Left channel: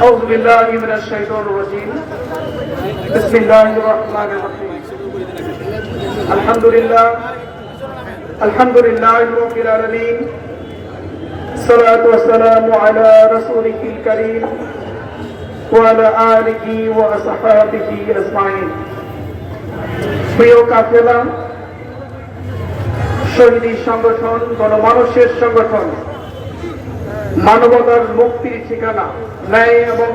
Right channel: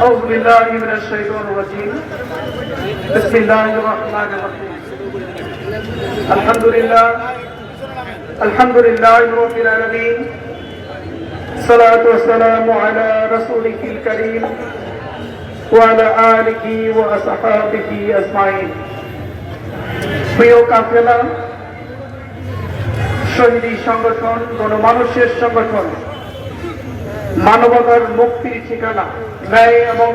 أعوذ بالله من الشيطان الرجيم بسم الله الرحمن الرحيم الحمد لله الحمد لله رب العالمين الصلاة والسلام على رسوله الكريم وعلى آله وأصحابه أجمعين প্রিয় কাফেলা শহীদী সংগঠন গণমানুষের সংগঠন মানবতার মুক্তির ঠিকানা, ন্যায় এবং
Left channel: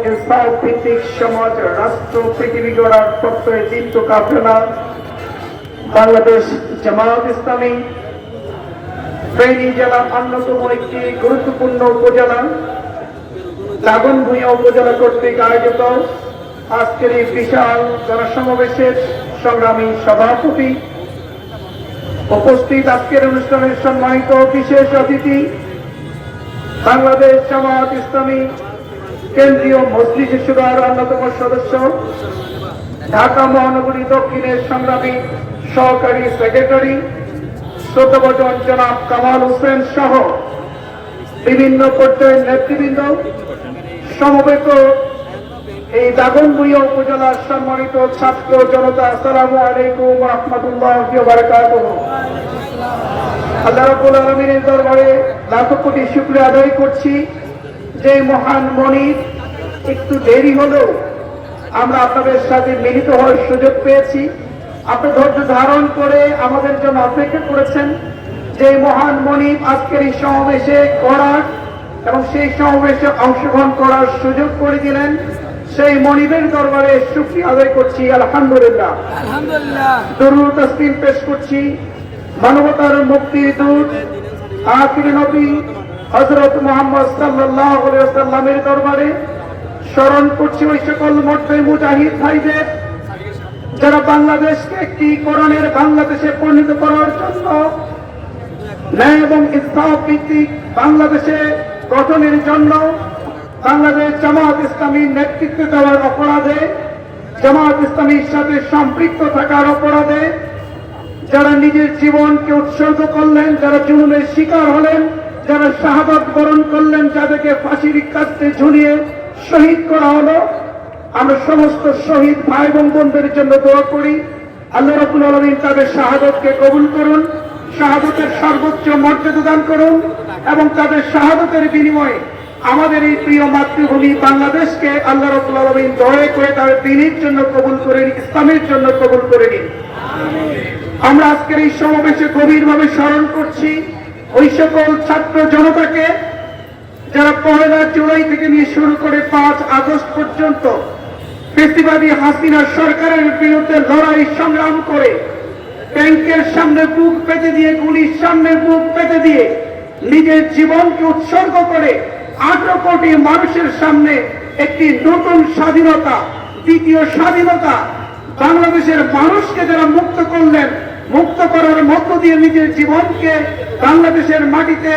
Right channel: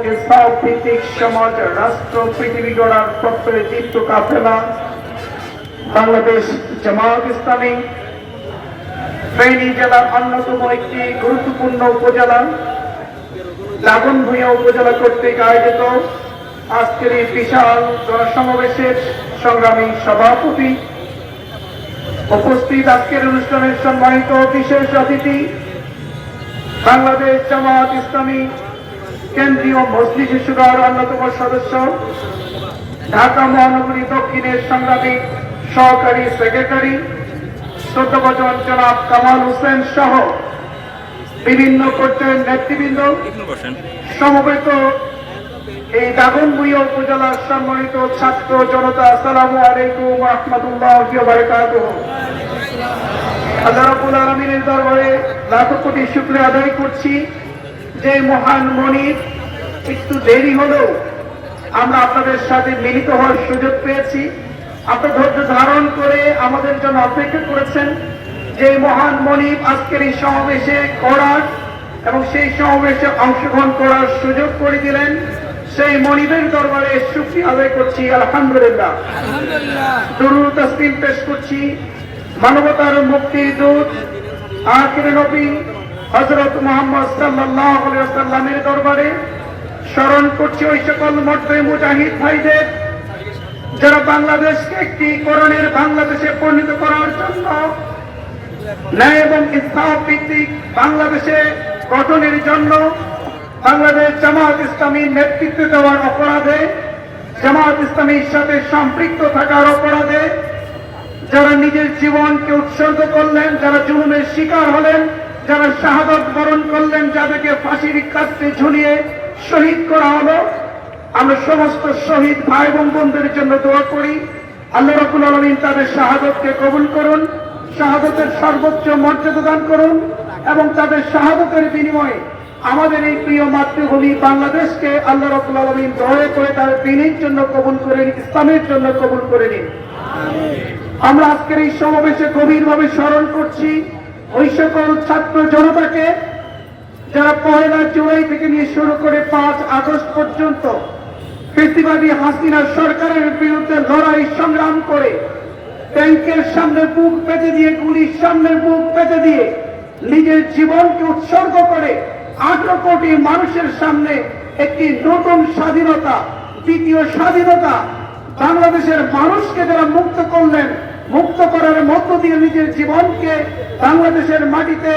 ভিত্তিক সমাজ, রাষ্ট্র, পৃথিবী গড়ার প্রত্যয়ে চিত্ত কাফেলা বাংলাদেশ জামাত ইসলামী, ফেনী জেলার অন্যতম একটি গুরুত্বপূর্ণ উপজেলা উপজেলা কর্তৃক আয়োজিত আজকের এই বিশাল জনসমাবেশের সংগ্রামী সভাপতি। উপস্থিত আজকের অনুষ্ঠানের সম্মানিত বিশেষ অতিথি বাংলাদেশ জামাত ইসলামী কেন্দ্রীয় মজলিস সুরার অন্যতম সদস্য, ঢাকা মহানগরী দক্ষিণের সংগ্রামী সহকারী সেক্রেটারি শ্রদ্ধাভজন জনাব কামাল হোসেন সহ বিভিন্ন পর্যায়ের নেতৃবৃন্দ, সমবেত এই দাগনভূঞা উপজেলার সম্মানিত ছাত্র জনতা, আসসালামু আলাইকুম রহমতুল্লাহ বারকাতুহ। আল্লাহ রাব্বুল আলামিনের দরবারে লাখো কোটি শুকরিয়া আদায় করছি। যে মহান মনির একটু দেরি হলেও আমরা আপনাদের সাথে মিলিত হওয়ার সুযোগ পেয়েছি। আপনি ধৈর্য ধারণ করে আমাদের জন্য অপেক্ষা করেছেন। যে মহান মনিব আজকের এই সমাবেশে করার এবং সেই সমাবেশে অংশগ্রহণ করার সুযোগ করে দিলেন। সেই মনিবের দরবারে সুক্রিয়া আদায় করছি আলহামদুলিল্লাহ। আলহামদুলিল্লাহ। দরুদ তসলিম পেশ করছি। মানবতার মুক্তি দূত, আখির নবী হযরত মুহাম্মদ সাল্লামের দরবারে স্মরণ করছি ওই সকল মর্দে মুজাহিদ ভাইদের, যারা বাংলাদেশকে একটি কোরআনের বাংলাদেশে পরিণত করার জন্য ন্যায় এবং ইসলাম ভিত্তিক বাংলাদেশে গঠনের জন্য বাংলাদেশ জামাত ইসলামীর নেতৃত্ব দেওয়ার অপরাধে জামাত ইসলামীর সাথে সম্পৃক্ত থাকার অপরাধে যারা নিজের জীবনকে উৎসর্গ করলেন, যারা জুলুমের শিকার হলেন, যারা শাহাদত বরণ করলেন, যাদেরকে ফাঁসির কাছে ঝুলিয়ে শহীদ করা হলো, আমরা সমস্ত শহীদ ভাই এবং বোনদের জন্য দোয়া করি। আল্লাহ রাবুল আলমিন তাদের শাহাদতকে কবুল করুন, শাহাদতের সর্বোচ্চ মর্যাদা দান করুন এবং তাদের শাহাদতের বিনিময়ে আমাদের এই প্রিয় মাতৃভূমি বাংলাদেশকে আল্লাহ রাবুল আলমিন দয়া করে তাদের দিনের জন্য কবুল করে নিন, ইসলামের জন্য কবুল করে নিন। আমরা আজকের এই সমাবেশে গভীরভাবে স্মরণ করছি ওই সকল ছাত্র জনতাকে যারা পহেলা জুলাই থেকে নিয়ে শুরু করে পাঁচ আগস্ট পর্যন্ত কৃষিবাদী হাসিনা সরকারের বিরুদ্ধে লড়াই সংগ্রাম করে ট্যাঙ্কের সামনে বুক পেতে দিয়ে, গুলির সামনে বুক পেতে দিয়ে নিজের জীবনকে উৎসর্গ করে আঠারো কোটি মানুষের সামনে একটি নতুন স্বাধীনতা, দ্বিতীয় স্বাধীনতা বাংলাদেশের মানুষকে যারা মুক্ত করলেন, মুক্ত করার মধ্য দিয়ে নিজের জীবনকে বাংলাদেশের মাটিতে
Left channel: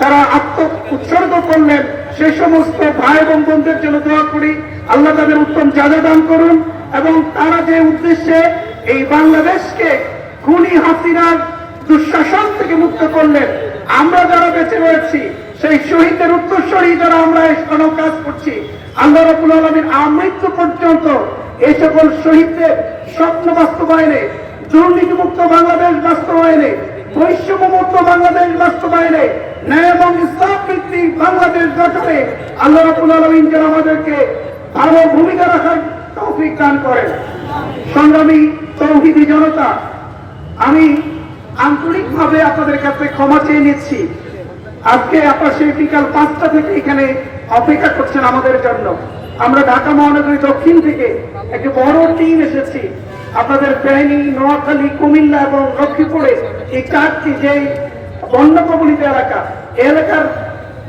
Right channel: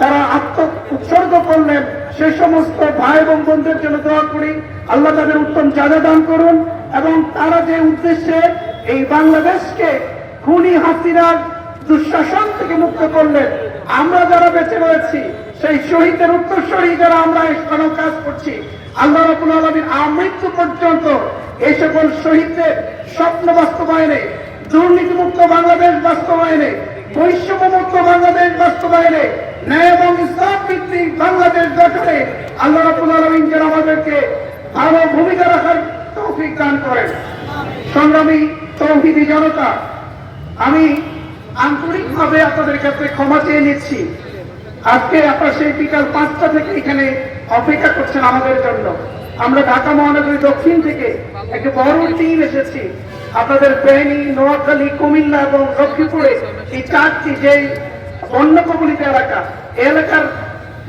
তারা আত্ম উৎসর্গ করলেন, সে সমস্ত ভাই এবং বোনদের জন্য দোয়া করি। আল্লাহ তাদের উত্তম চাঁদা দান করুন এবং তারা যে উদ্দেশ্যে এই বাংলাদেশকে খুনি হাসিনার দুঃশাসন থেকে মুক্ত করলেন, আমরা যারা বেঁচে রয়েছি, সেই শহীদদের উত্তরস্বরী যারা আমরা এই কাজ করছি। আল্লাহ রবুল আলমীর আমৃত্যু পর্যন্ত এই সকল শহীদদের স্বপ্ন বাস্তবায়নে, দুর্নীতিমুক্ত বাংলাদেশ বাস্তবায়নে, বৈষম্যমুক্ত বাংলাদেশ বাস্তবায়নে, ন্যায় এবং ইসলাম ভিত্তিক বাংলাদেশ গঠনে আল্লাহ রবুল আলমিন যেন আমাদেরকে ভালো ভূমিকা রাখার তৌফিক দান করেন। সংগ্রামী তৌহিদি জনতা, আমি আন্তরিকভাবে আপনাদের কাছে ক্ষমা চেয়ে নিচ্ছি। আজকে আপনার সেই বিকাল পাঁচটা থেকে এখানে অপেক্ষা করছেন আমাদের জন্য। আমরা ঢাকা মহানগরী দক্ষিণ থেকে একটি বড় টিম এসেছি। আপনাদের ফেনী নোয়াখালী, কুমিল্লা এবং লক্ষ্মীপুরে এই চারটি যে বন্য কবলিত এলাকা এলাকার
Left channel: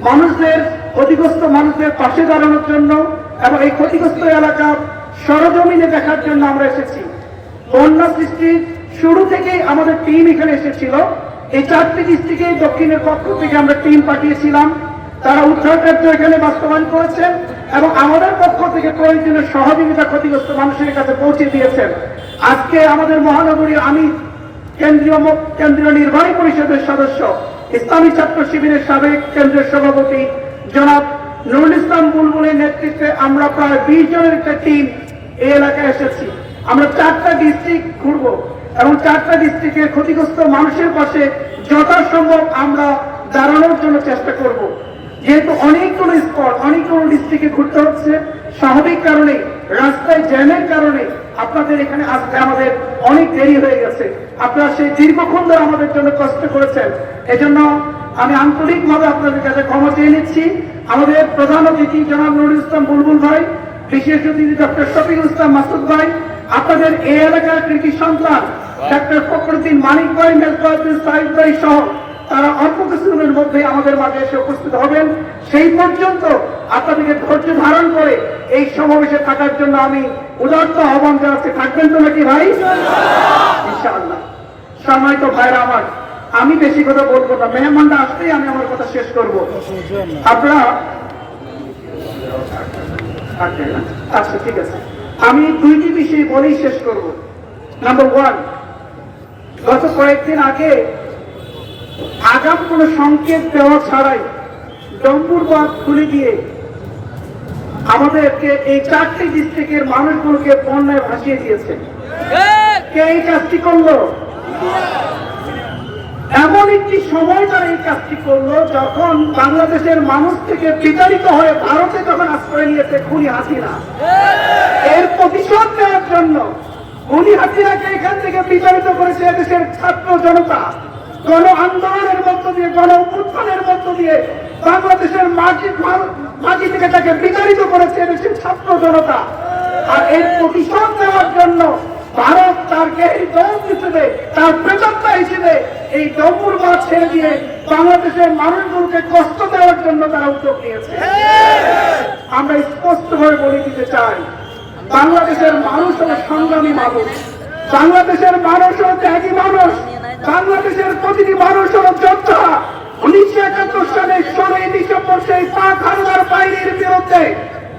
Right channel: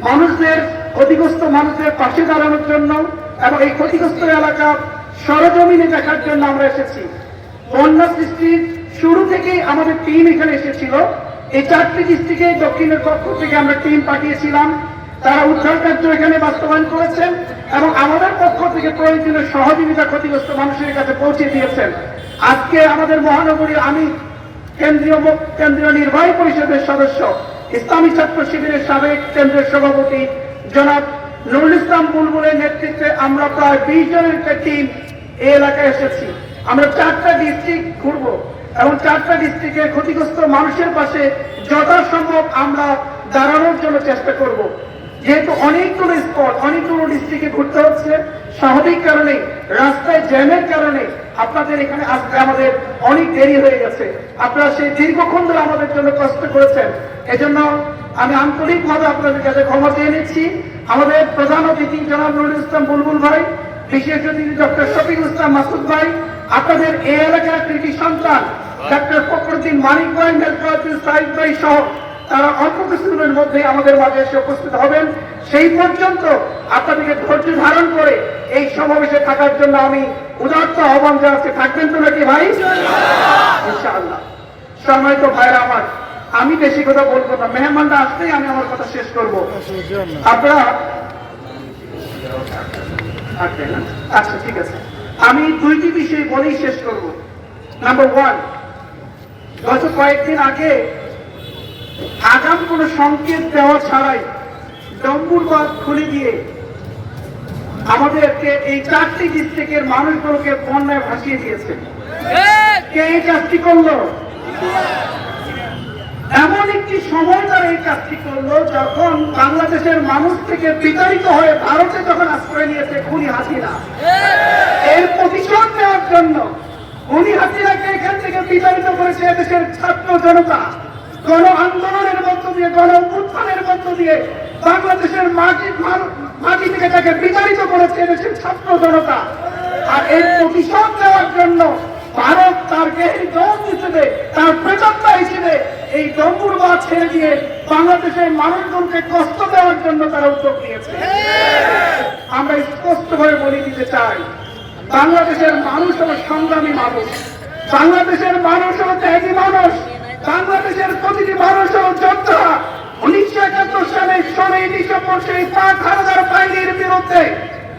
মানুষদের, ক্ষতিগ্রস্ত মানুষদের পাশে দাঁড়ানোর জন্য এবং এই ক্ষতিগ্রস্ত এলাকা সরজমিনে দেখার জন্য আমরা এসেছি। বন্যা সৃষ্টির শুরু থেকেই আমাদের টিম এখানে এসেছিল। এই চারটি ডিস্ট্রিক্টে দক্ষিণের পক্ষ থেকে আমরা টিম পাঠিয়েছিলাম। তারা উদ্ধার কার্য এখানে বাস্তবায়ন করেছেন এবং আমাদের পক্ষ থেকে প্রয়োজনীয় সহযোগিতা ক্ষতিগ্রস্ত মানুষের কাছে পৌঁছে দিয়েছেন। আজকে আমাদের মহানগরীর আমি, কেন্দ্রীয় কেন্দ্রীয় নির্বাহী পরিষদের সদস্য, ইসলামী ছাত্র শিবিরের সাবেক কেন্দ্রের সভাপতি জনাব নুরুল ইসলাম বুলবুলের নেতৃত্বে আমরা প্রায় বিশ জনের একটা টিম এই এলাকায় এসেছি। আমরা চারটা ডিস্ট্রিক্ট ঘুরবো এবং চারটা ডিস্ট্রিক্টের ক্ষতিগ্রস্ত মানুষের পাশে যথাসম্ভব আমরা দাঁড়ানোর জন্য চেষ্টা করব। যেহেতু অনেকগুলো স্পট অনেকগুলো ডিস্ট্রিক্টে ঘুরতে হচ্ছে, স্বাভাবিক কারণে, রাস্তায় জ্যামের কারণে আপনাদের এখানে আসতে আমাদের অনেক দেরি হয়ে গেছে। আপনারা সেই দীর্ঘক্ষণ ধরে আমাদের জন্য কষ্ট করেছেন। এজন্য আমি আন্তরিকভাবে আপনাদের কাছে ক্ষমা চেয়ে নিচ্ছি। আমাদের প্রধান অতিথি জনাব নুরুল ইসলাম বুলবুল ভাই, বিশেষ অতিথি ডক্টর শফিকুল ইসলাম মাসুদ ভাই, আপনাদের এই এলাকার কৃষি সন্তান ডক্টর ফখরুদ্দিন মানিক ভাই মেজবাউদ্দিন সাহিদ ভাই সহ তারা অল্প কিছুদিনের মধ্যে আমাদের মাঝে এসে উপস্থিত হবেন। সেই পর্যন্ত আপনাদেরকে ধৈর্য ধারণ করে এই সমাবেশে থাকার জন্য আমি উদার্ত আহ্বান জানাচ্ছি। থাকবেন তো নাকি ভাই? ইনশাআল্লাহ। সম্মানিত ভাইরা আমার আমি বেশি কথা বলব না। মেহমানরা আসতেই আমি আমার কথা শেষ করব। আপনারা আচ্ছা, আচ্ছা ঠিক আছে। আমি দুইটি বিষয় বলেই শেষ করব। নাম্বার ওয়ান গত কয়েকদিন আগে আগাম কোনো সংকেত দেওয়া ছাড়াই ডম্বুর বাঁধ খুলে দিয়ে আমাদেরকে এই চারটি ডিস্ট্রিক্টের মানুষগুলোকে বন্যায় ভাসিয়ে দিয়েছে। কে এই কাজটি করল? এমন একটি সময় তারা এই কাজটি করল যখন বাংলাদেশের মানুষ থেকে বিতাড়িত হয়ে ভারতে যখন আশ্রয় নিয়েছে খুনি হাসিনা এর প্রতিশোধ নেওয়ার জন্য খুনি হাসিনাকে এখান থেকে বিতাড়িত করেছে দেশের ছাত্র জনতা। গণ আন্দোলনের মধ্য দিয়ে গণ উত্থানের মধ্য দিয়ে বাংলাদেশের মাটি মাটি থেকে তাকে বিতাড়িত করেছে দেশের ছাত্র জনতা। আর এর প্রতিশোধ দেওয়ার জন্য ভারত তার গেহির দল হিসেবে, তার প্রেতাত্মা হিসেবে এই ডম্বুর মাছ ছেড়ে দিয়ে বাংলাদেশের মানুষগুলোকে কষ্ট দেওয়ার জন্য তারা উদ্যোগ নিয়েছে। আমরা স্পষ্টভাবে বলে দিতে চাই, বাংলাদেশের মানুষ হল সংগ্রামী মানুষ, বাংলাদেশের মানুষ হল ত্যাগী মানুষ। বাংলাদেশের প্রতিটি মানুষ যোদ্ধা উনিশশো একাত্তর সালে ষোলোই ডিসেম্বর সেই পাক হানাদার বাহিনীর বিরুদ্ধে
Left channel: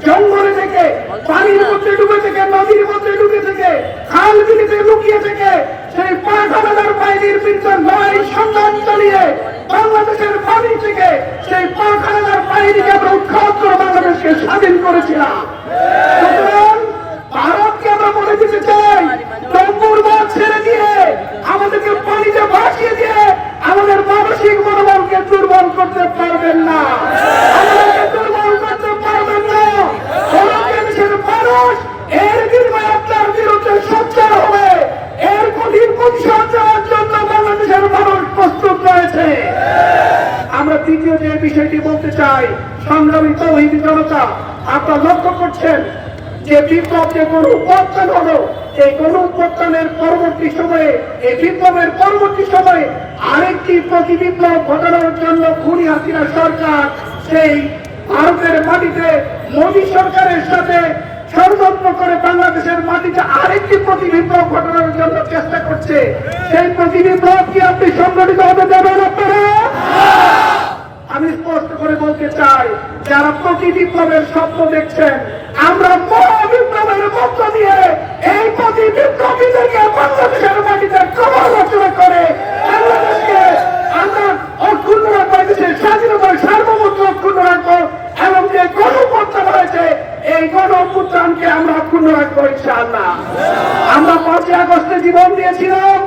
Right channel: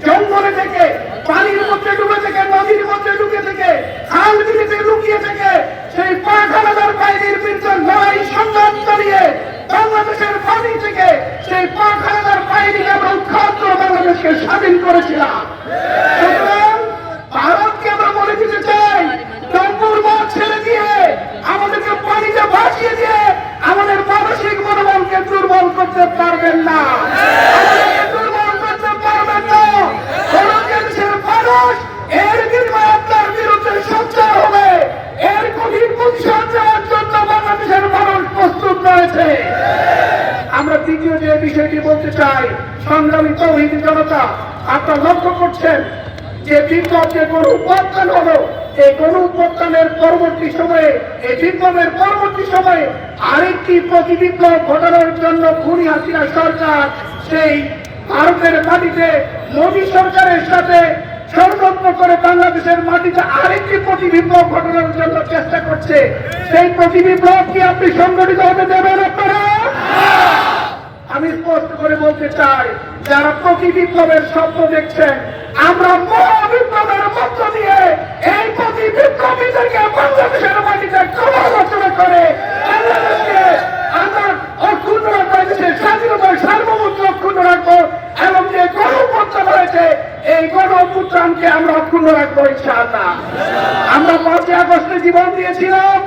জঙ্গলে থেকে, পানির মধ্যে ডুবে থেকে, নদীর মধ্যে ডুবে থেকে, খাল বিলিতে লুকিয়ে থেকে সেই পাক হানাদার বাহিনীর বিরুদ্ধে লড়াই সংগ্রাম চালিয়ে বাংলাদেশের পানি থেকে সেই পাক হানাদার বাহিনীকে আমরা উৎখাত বাংলাদেশকে স্বাধীন করেছিলাম সুতরাং ভারতকে আমরা বলে দিতে চাই ডম্বুর মাছ ছেড়ে দিয়ে আমাদেরকে পানিতে ভাসিয়ে দিয়ে আমাদের মানসিক মনোবলকে দুর্বল করতে পারবেন না আমাদেরকে দুর্বল করতে পারবেন না বাংলাদেশের মানুষ এর বিনিময়ে আপনার বিরুদ্ধে সোচ্চার হবে এর কঠিন প্রতিশোধ দেওয়ার জন্য বাংলাদেশের মানুষ প্রস্তুত রয়েছে আমরা দ্বিতীয় যে বিষয়টি বলতে চাই সংগ্রামী তৌহিদ জনতা, আপনারা লক্ষ্য করছেন যে বিপ্লব যে কোন উপাদান হলো, এই কোন উপাদানের পরবর্তী সময়ে, এই বিপ্লবের পরবর্তী সময়ে আরেকটি প্রতি বিপ্লব ঘটানোর জন্য খুনি হাসিনা সরকার সেই ভারতের মাটিতে, মোদী সরকারের সাথে ষড়যন্ত্র করে বাংলাদেশের মাটিতে আরেকটি প্রতি বিপ্লব ঘটানোর জন্য চেষ্টা করছে। সেই প্রতি বিপ্লব কি আপনি সংগঠিত হতে দেবেন আপনারা? আমি স্পষ্ট করে বলতে চাই, যারা প্রতি বিপ্লবের স্বপ্ন দেখছেন, আমরা মহাবিপ্লবের মধ্য দিয়ে এই প্রতি বিপ্লবীদেরকে বাংলাদেশের মাটিতে কবর রচনা করে বাংলাদেশকে আমরা অক্ষুণ্ণ রাখব দেশের অক্ষুণ্ণ রাখব এবং যে গণ অভ্যুত্থান হয়েছে, এই গণ আমরা অক্ষুণ্ণ রাখব ইনশাআল্লাহ। আমরা পাঁচই আগস্টে জীবন দিয়েছিলাম,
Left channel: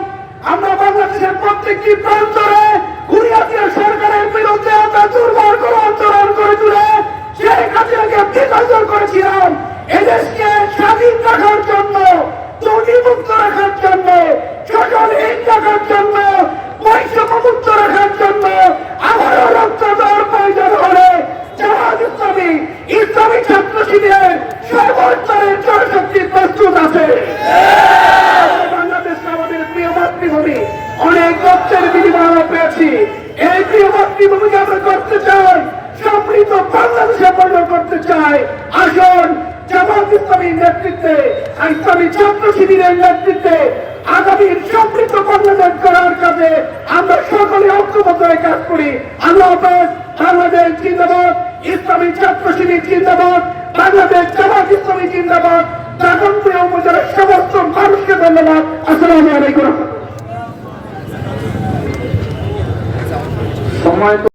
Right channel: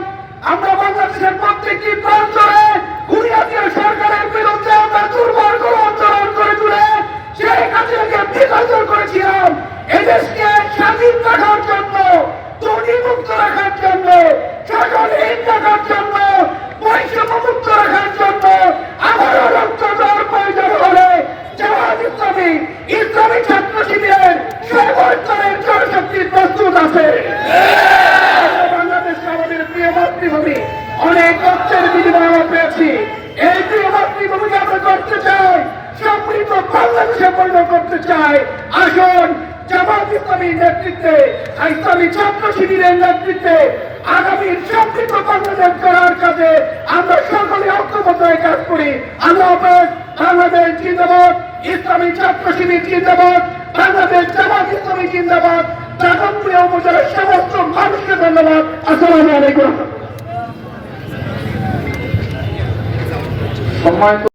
আমরা বাংলাদেশের প্রত্যেকটি প্রান্তরে কুড়িয়াতের সরকারের বিরুদ্ধে আমরা দুর্বল করে আন্দোলন করে তুলে সেই হাসিনাকে বিসর্জন করেছিলাম এদেশকে স্বাধীন রাখার জন্য দুর্নীমুক্ত রাখার জন্য সকল হীন রাখার জন্য বৈষম্যমুক্ত রাখার জন্য আবারও রক্ত দেওয়ার প্রয়োজন হলে জামাত ইসলামী ইসলামী ছাত্র শিবিরের সর্বোচ্চের জনশক্তি প্রস্তুত আছে বাংলাদেশ আমাদের প্রিয় মাতৃভূমি অনেক রক্তের বিনিময় আমরা পেয়েছি এই প্রিয় মাতৃভূমিকে আমরা করতে চাই সমৃদ্ধ বাংলাদেশে পরিণত করতে চাই, আসুন জামাত ইসলামীর নেতৃত্বে, ইসলামী ছাত্র শিবিরের নেতৃত্বে আগামীর সমৃদ্ধ বাংলাদেশ করার কাজে আমরা সকলে ঐক্যবদ্ধ হয়ে কাজ করি। আল্লাহ হাফেজ, বাংলাদেশ জিন্দাবাদ, ইসলামী ছাত্র শিবির জিন্দাবাদ, বাংলাদেশ জামাত ইসলামী জিন্দাবাদ, দাগনপুরে উপজেলার সমস্ত মানুষকে ধন্যবাদ। আসসালামু আলাইকুম। সম্মানিত